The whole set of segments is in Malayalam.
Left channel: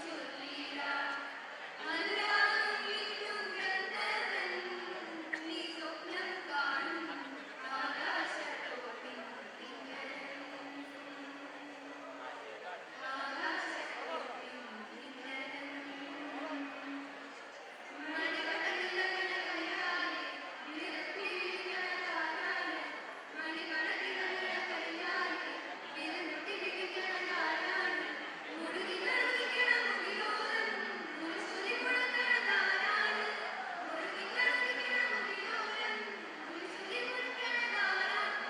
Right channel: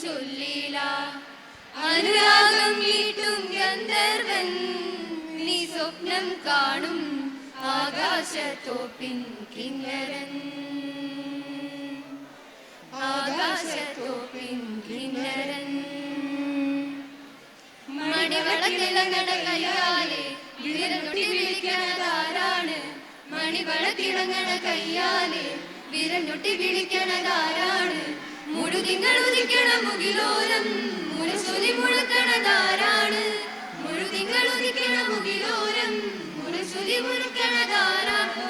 ചൊല്ലില അനുരാഗം വീട്ടും ഗന്ധർവൻ നീ സ്വപ്നം കാണും ആകാശത്തോപ്പിൻ കിന്നരൻ ആകാശത്തോപ്പിൻ കിന്നരൻ മണിവളത്തിളങ്ങണ കയ്യാലെ വിരലൊട്ടി വിളിക്കണതാരാണ് മണിവളത്തിളങ്ങണ കയ്യാലെ വിരലൊട്ടി വിളിക്കണതാരാണ് മുഴുതിങ്ങൾ ഉദിക്കണ മുകിലോരം മുരശൊലി മുഴക്കണതാരാണ് മുഴുതിങ്ങൾ ഉദിക്കണ മുകിലോരം മുരശൊലി മുഴക്കണതാരാണ്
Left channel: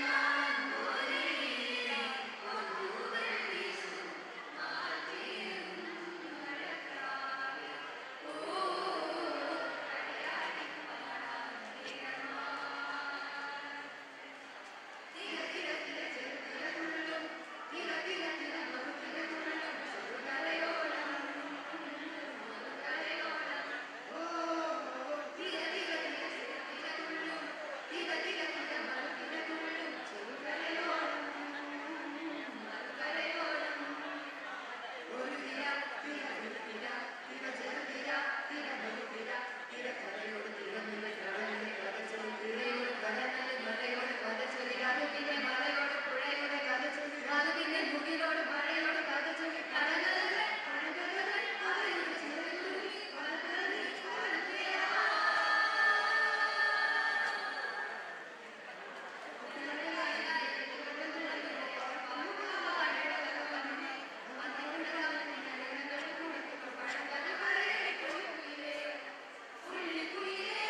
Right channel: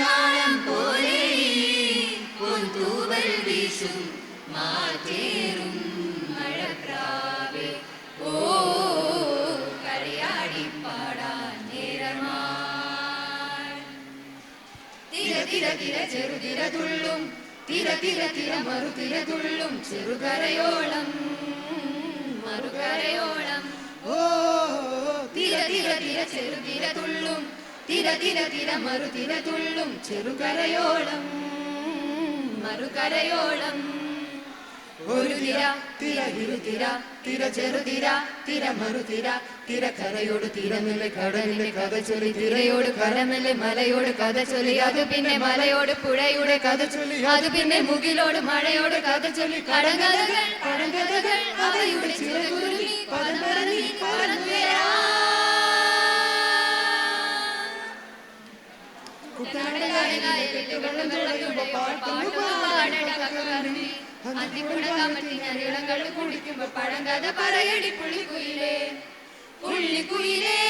നാളം പോലെ പൊൻതൂവൽ വീശും മാറ്റേറും മഴപ്രാവേ ഓ കളിയാടി പാടാൻ നേരമായി തിര തിര തിര ചെറുതിര തുള്ളും തിര തിര തിര മറുതിര തുള്ളും ചെറുകരയോളം മറുകരയോളം ഓ തിര തിര തിര ചെറുതിര തുള്ളും തിര തിര തിര മറുതിര തുള്ളും ചെറുകരയോളം മറുകരയോളം ഒരു തിര തിര ഇരുതിര തിര ചെറുതിര തിര മറുതിര തിര കരയോട് തിരമില്ലെ കടലിലെ കഥ ചൊല്ലി തിരയോട് കരമില്ലെ മലയോട് കഥ ചൊല്ലി അത് പിന്നെ മലയോട് പുഴയോട് കഥ ചൊല്ലി അത് പിന്നെ മുകിലോട് മഴയോട് കഥ ചൊല്ലി കടകഥകൾ പഴങ്കഥകൾ അവയുടെ ചിറകുരുമി പദംപരതി പറന്നുയരാ കുടിക്കുമ്പോ പഴങ്കഥ പറയടി പുള്ളിക്കുയിലേ പുള്ളിക്കുയിലേ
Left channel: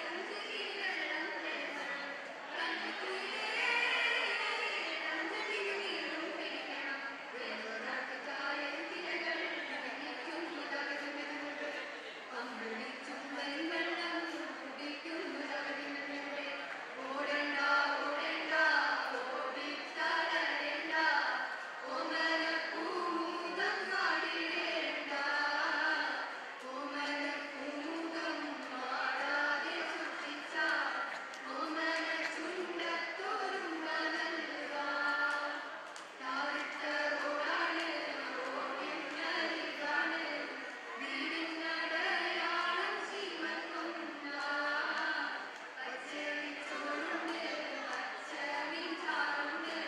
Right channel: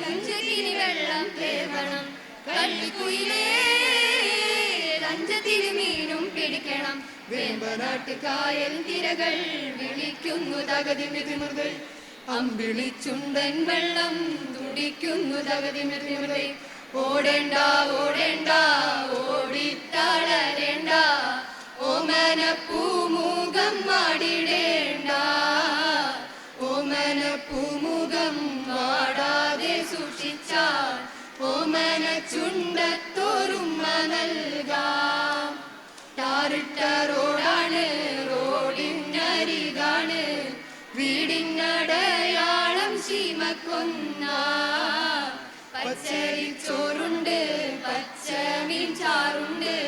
മുഞ്ചകിനി വെള്ളം തേവണം കള്ളിക്കുയിലേ ലഞ്ചത്തിന് മീനും പിടിക്കണം വേമ്പനാട്ട് കായൽ തിരകൾ വിളിക്കുന്നു തകതിമിതിമുതൽ അമ്പിളിച്ചുണ്ടൻ വെള്ളം തുടിക്കുന്നു തകതിമിതിമുതൽ ഓടേണ്ട ഓടേണ്ട ഓടിത്തളരേണ്ട ഓമന പൂമുഖം മാടിടേണ്ട ഓമന പൂമുഖം മാടാതെ സൂക്ഷിച്ചാൽ ഓമന ചുണ്ടത്തോറുമ്മ നൽകാം ടാറിട്ട റോഡാണ് റോഡിനരികാണ് വീടിനടയാളം ശീമക്കൊന്ന പച്ചരിച്ചോറുണ്ട് പച്ചമീൻ ചാറുണ്ട്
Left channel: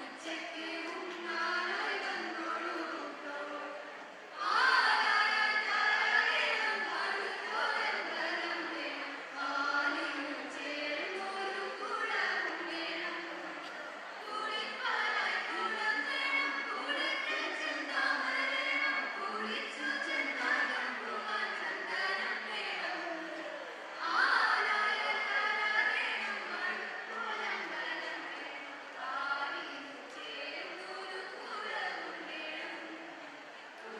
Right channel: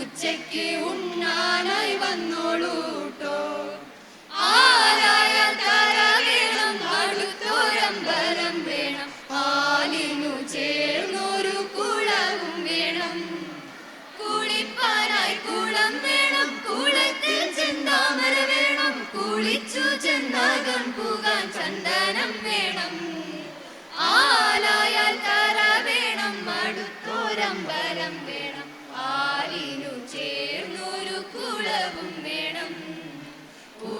ഉച്ചയ്ക്ക് ഉണ്ണാനായി വന്നോളൂട്ടോ ആരായ തറ വേണം അടുത്തോരമ്പലം വേണം ആലിനു ചേർന്നൊരു കുളവും വേണം കുളിപ്പാനായി കുളം വേണം കുളത്തിൽ ചെന്താമര വേണം കുളിച്ചു ചെന്നാകം പോകാൻ ചന്ദനം വേണം ആലായാൽ തറ വേണം അടുത്തോരമ്പലം വേണം ആലിനു ചേർന്നൊരു കുളവും വേണം ഓ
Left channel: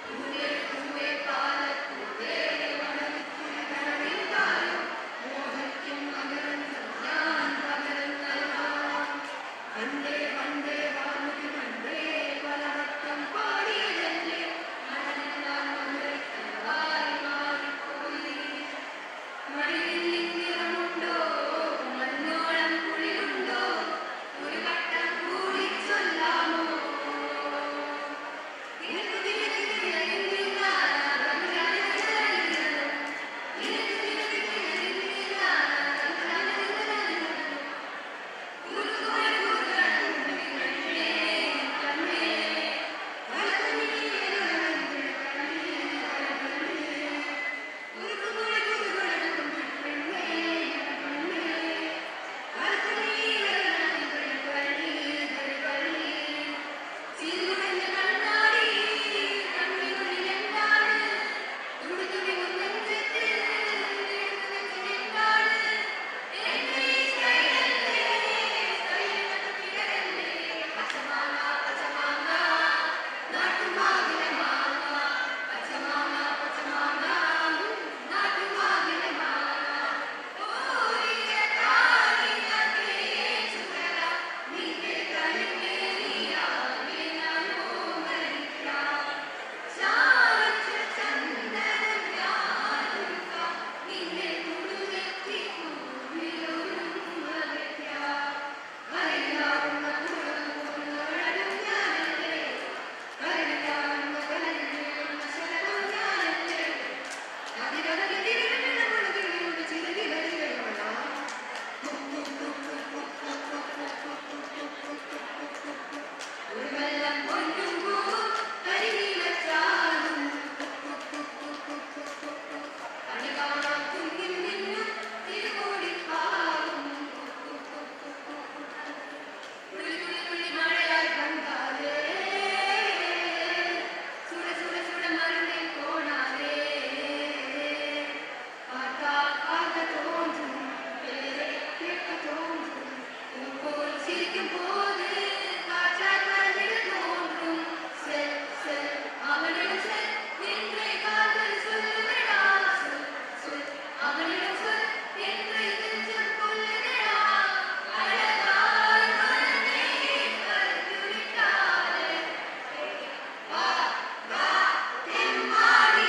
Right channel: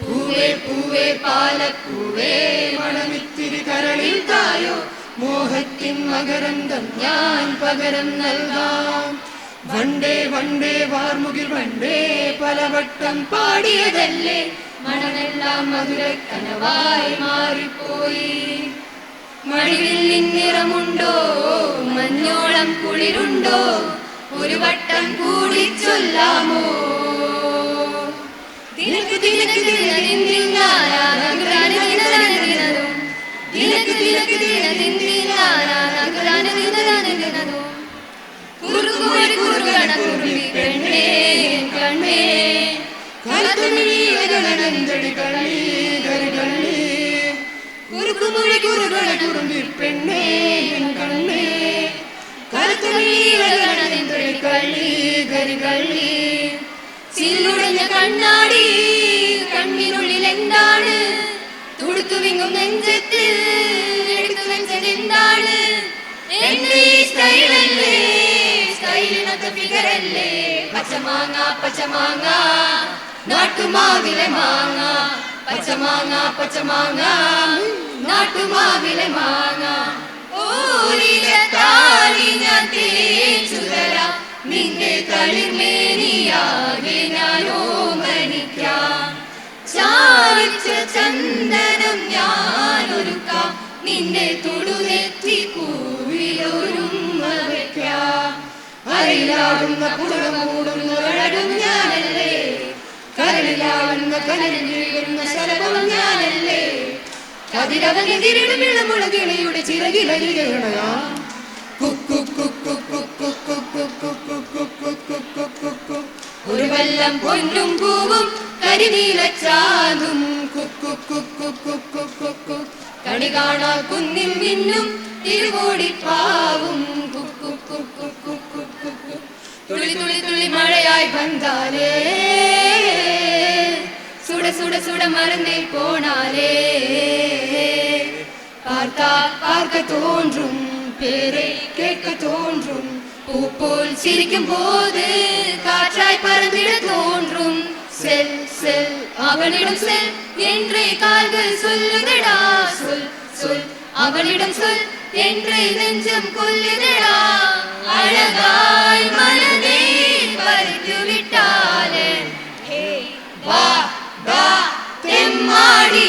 പൂവേ പൂവേ പാലപ്പൂവേ മണമിത്തിരി കരളിൽ തായോ മോഹത്തിൻ മകരന്തം ഞാൻ പകരം നൽകാം വണ്ടേ വണ്ടേ വാർമുകിൽ വണ്ടേ പലവട്ടം പാടിയതല്ലേ മണമെല്ലാം മധുരക്കനവായി മാറിപ്പോയി മടിവില്ലിൻ നിറമുണ്ടോ മഞ്ഞോളം കുളിരുണ്ടോ ഒരു വട്ടം കൂടി ചൊല്ലാമോ ദിനക്ക് ദിനക്ക് ദിനക്ക് ദിനക്ക് പെണ്ണേ കണ്ണേ കലത്തമിഴി കള്ളി കരുകള്ളി കുറുക്കുമൊഴി കുറുകള കുറുമ്പി പെണ്ണേ കണ്ണേ കലത്തമിഴി കള്ളി കരുകള്ളി ചില്ലുടഞ്ഞ കണ്ണാടി കണ്ണിനുള്ളിൽ എന്താണ് തുടുത്തു വിങ്ങും നെഞ്ചത്ത് എടുത്തു വെച്ചത് എന്താണ് എന്റെ ഈ സ്റ്റൈലല്ലേ സ്റ്റൈലിനൊത്ത ഫിഗറല്ലേ പച്ചമാങ്ങ പച്ചമാങ്ങ നാട്ടുമാവിലെ മാങ്ങ പച്ചമാങ്ങ പച്ചമാങ്ങ നാട്ടുമാവിലെ മാങ്ങ ഓരിരത്താലി ഞാൻ തേച്ചുതര നിന്റെ കളിർമേനിയാകെ ഞാനോ മരിക്കാം ചാലിച്ച ചന്ദനം ഞാൻ നിന്റെ തൊടുനെറ്റി പൂവിലൊരുമ്മ വയ്ക്കാം. അരയിലാടുന്ന പുറമൂടുന്ന അഴകും ഞാനല്ലേ, കരളിലാടുന്ന കനലിൽ വീഴുന്ന ശലഭം ഞാനല്ലേ, കതിരവനെതിരിടും ഇളമുളകിളിയുടെ ചിറകിലരികണയാ. ഒരു വെള്ളം പൊന്നും പൂവും കരിനീലച്ചാതും കണി കാണാ കുന്നിൽ നിന്നും തിരുവോടിപ്പാവും. തുള്ളി തുള്ളി തുള്ളി മഴയായി വന്നാലേ, സുട സുട സുട മറന്നേ പോണാലേ, பார்த்தா பார்க்க தோன்றும் பேரை கேட்க தோன்றும், பூ போல் சிரிக்கும் போது காற்றாய் பறந்திட தோன்றும். செல் செல் அவனிடம் செல் என்றே கால்கள் சொல்லுதடா, சொல் சொல் அவனிடம் சொல் என்றே நெஞ்சம் கொல்லுதடா. அழகாய் மனதை பறித்து விட்டாலே, வா வா தெம்மாடி,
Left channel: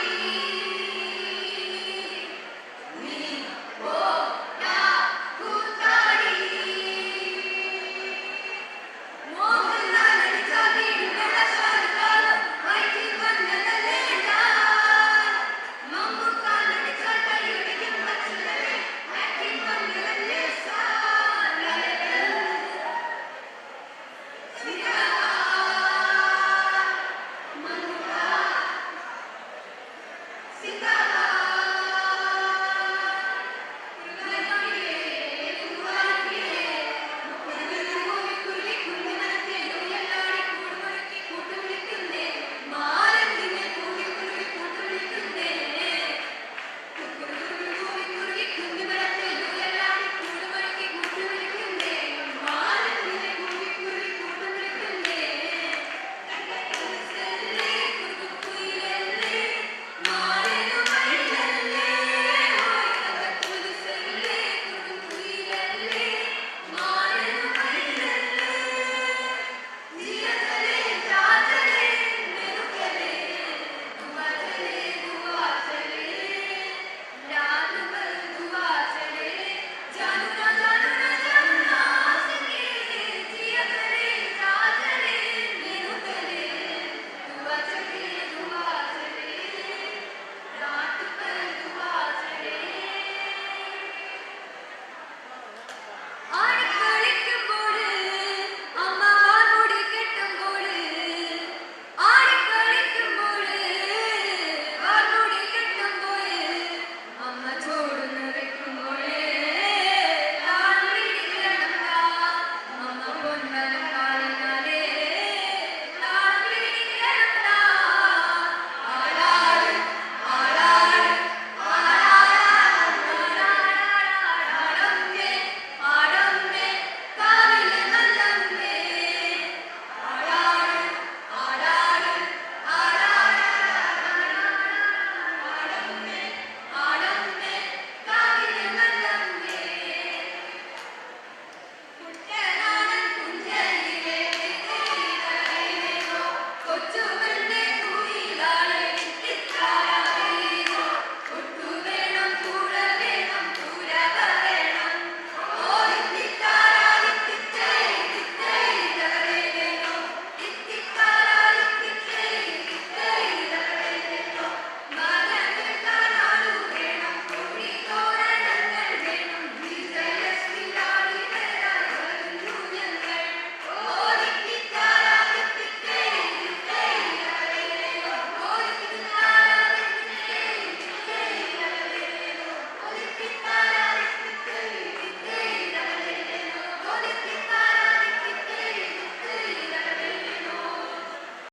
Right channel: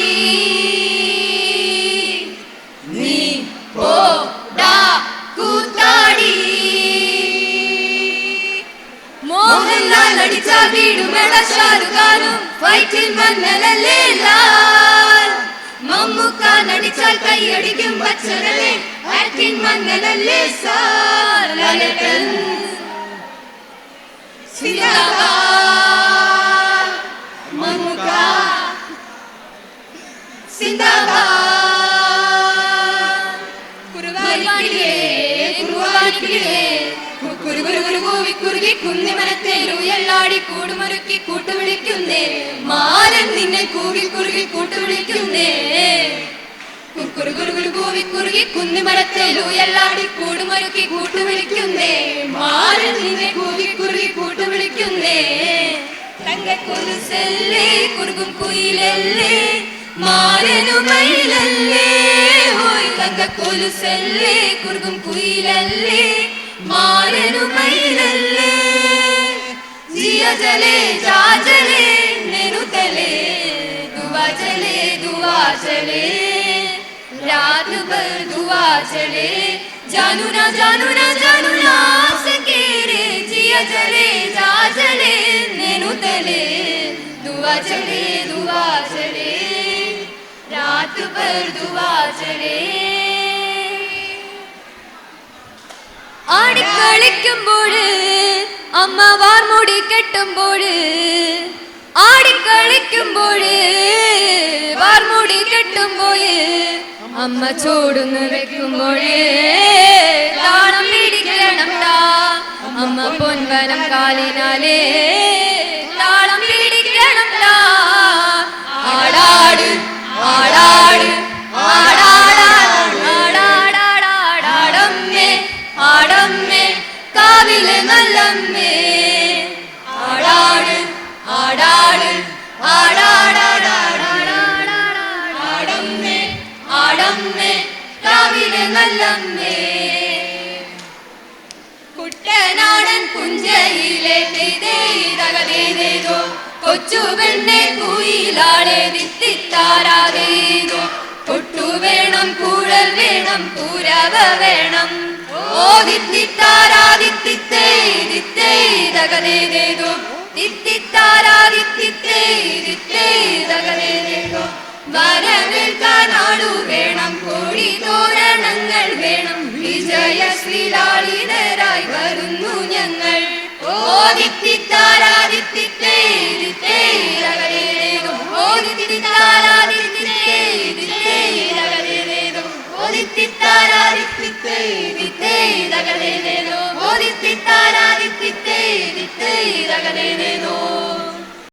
മമ്മൂക്ക നടിച്ചാൽ കൈയടിക്കും പച്ചനല്ലേ, ആക്ടിംഗ് മങ്ങനല്ലേ സാർ. ലലട്ടൻ സിന്ദാബാദ്, മമ്മൂക്ക സിന്ദാബാദ്. കുറുവാനിക്കിളിയേ കുറുവാനിക്കിളിയേ, കുറുകുറുകുറുകുറുകി കുന്നിമരത്തേലുയല്ലാടി കൂടുമൊരുക്കി കൂട്ടുവിളിക്കുന്നേ, മാരൻ നിന്നെ കൂവി കുറുകി കൂട്ടുവിളിക്കുന്നേ. കുറുകുറുകുറുകുറുകി കുന്നിമരത്തേലുയല്ലാടി കൂടുമൊരുക്കി കൂട്ടുവിളിക്കുന്നേ, മാരൻ നിന്നെ കൂവി കുറുകി കൂട്ടുവിളിക്കുന്നേ. തങ്കക്കൊലുസല്ലേ കുറുകും കുയിലല്ലേ, മാരനുമയിലല്ലേ, ഹോയ് തങ്കക്കൊലുസല്ലേ കുറുകും കുയിലല്ലേ, മാരനുമയിലല്ലേ. ജിയ ജലേ ജാ ജലേ നെരു തലേ, ദുവാ ചലേ ദുവാ ചലേ, രാത് ഭർ ദുവാ ചലേ, जानू ना सके रे. जिया जले जा जले नेनु तले, दुआ चले रात भर दुआ चले. ആടിക്കളിക്കുമ്പോൾ അമ്മ വാർമുടി കെട്ടുമ്പോൾ, ആടിക്കളിക്കുമ്പോൾ വാർമുടി കെട്ടുമ്പോൾ, അമ്മ ചോടുന്ന് വെക്കുമ്പോൾ താളം പിടിക്കണം ടാ, അമ്മ പൊൻവനം കാലിനാലേ താളം പിടിക്കണം ടാ. ആടാട് ആടാട് ആടാടാടാടാടാടമ്മേ, ആടമ്മേ കാവിലെ നല്ലമ്മേ, ആടാട് ആടാട് ആടാടാടാടാടാടമ്മേ, ആടമ്മേ കാവിലെ നല്ലമ്മേ. കുട്ടനാടൻ പുഞ്ചയിലെ കൊച്ചു പെണ്ണെ കുയിലാളെ ദിത്തിത്താരാതേതോ, കൊട്ടു വേണം കുഴൽ വേണം തുരവ വേണം, ഓ ദിത്തിത്താരാദിത്തിത്തേ ദിത്തേ തകതേതോ, ദിത്തിത്താരാദിത്തിത്തേ